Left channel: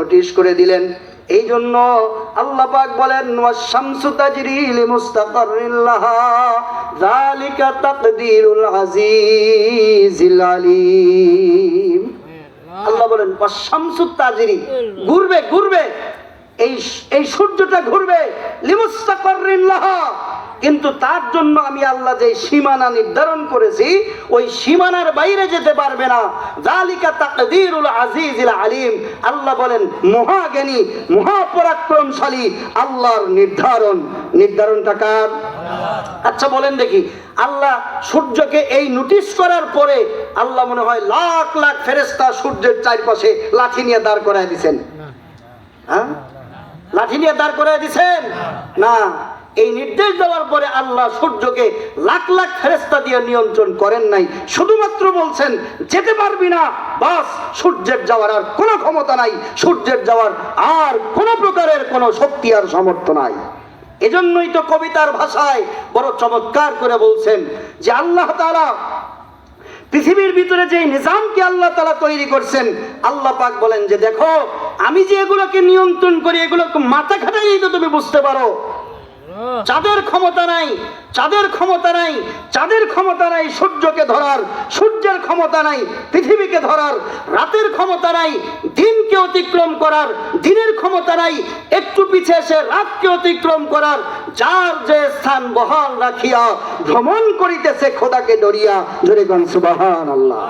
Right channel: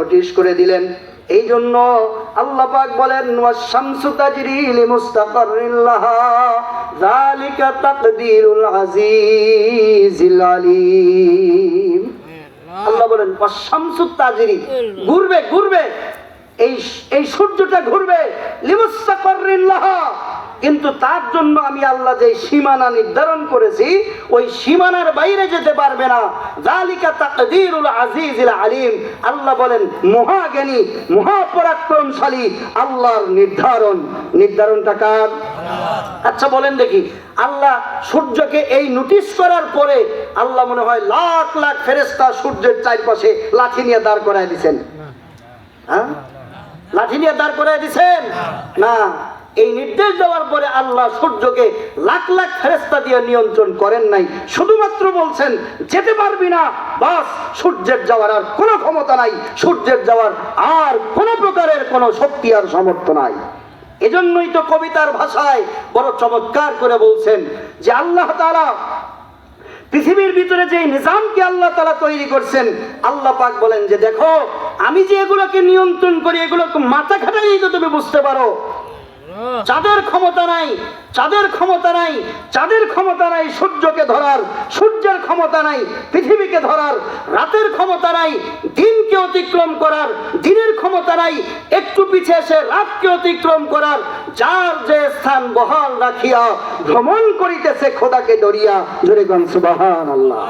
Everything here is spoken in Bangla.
নোটিশ করে দিলেন। এই জন্য আল্লাহ পাক বলেন ওয়াশ-শামসু তাজরি লিমুস্তাকাররিন লাহা যালিকা তাকদীরুল আজিজিল আলীম। আল্লাহ বলেন ওয়াশ-শামসু তাজরি, ঘুরবে ঘুরবে, এই সূর্যটা ঘুরবে, লিমুস্তাকাররিন লাহা, কিন্তু তার জন্য আমি আল্লাহ যে সীমানা নির্ধারণ করেছি ওই সীমানার বাইরে যেতে পারবে না। যালিকা তাকদীরুল আজিজিল আলীম। আল্লাহ বলেন মহাজ্ঞানী মহাপরাক্রমশালী আল্লাহর নির্ধারণটা কার? আচ্ছা বলেন দেখি, আল্লাহ সূর্যকে এই নোটিশ করার পরে আল্লাহ মনে হয় লাখ লাখ ফেরেশতা সূর্যের চারপাশে লাঠি নিয়ে দাঁড় করায় দিয়েছেন? হ্যাঁ, লাঠি নিয়ে দাঁড় করায় দিয়েছেন না। এই নির্দেশ দেওয়ার পরে আল্লাহ সূর্যকে লাখ লাখ ফেরেশতা দিয়ে নিয়ন্ত্রণ করেন নাই, শুধুমাত্র বলছেন যেতে পারবি না, বাস। সূর্যের যাওয়ার আর কোনো ক্ষমতা নাই, সূর্যের যাওয়ার আর কোনো প্রকারের কোনো শক্তি আর সামর্থ্য নাই। এজন্যই তো কবিতার ভাষায় বড় চমৎকার করে বলছেন যে আল্লাহ তাআলা পৃথিবীর ভিতরে যে নিজামকে আল্লাহ তাআলা তৈরি করছেন, আল্লাহ পাক বলেন যে দেখো আমি যে এগুলোকে নিয়ন্ত্রণ করি, এগুলোকে মাথা খাটাইলেই তো তুমি বুঝতে পারো। চাঁদের ক্ষমতা নাই, চাঁদের ক্ষমতা নাই, চাঁদের ক্ষমতা নাই সূর্যকে ধরার, সূর্যের ক্ষমতা নাই পৃথিবীকে ধরার, রাতের ক্ষমতা নাই দিনকে অতিক্রম করার, দিনের ক্ষমতা নাই একটু পিছে এসে রাতকে অতিক্রম করার। যার যে স্থান বহাল রাখিয়া ভ্রমণ করিতেছে খোদাকে ডরিয়া, জোরে গান সুবহানাল্লাহ।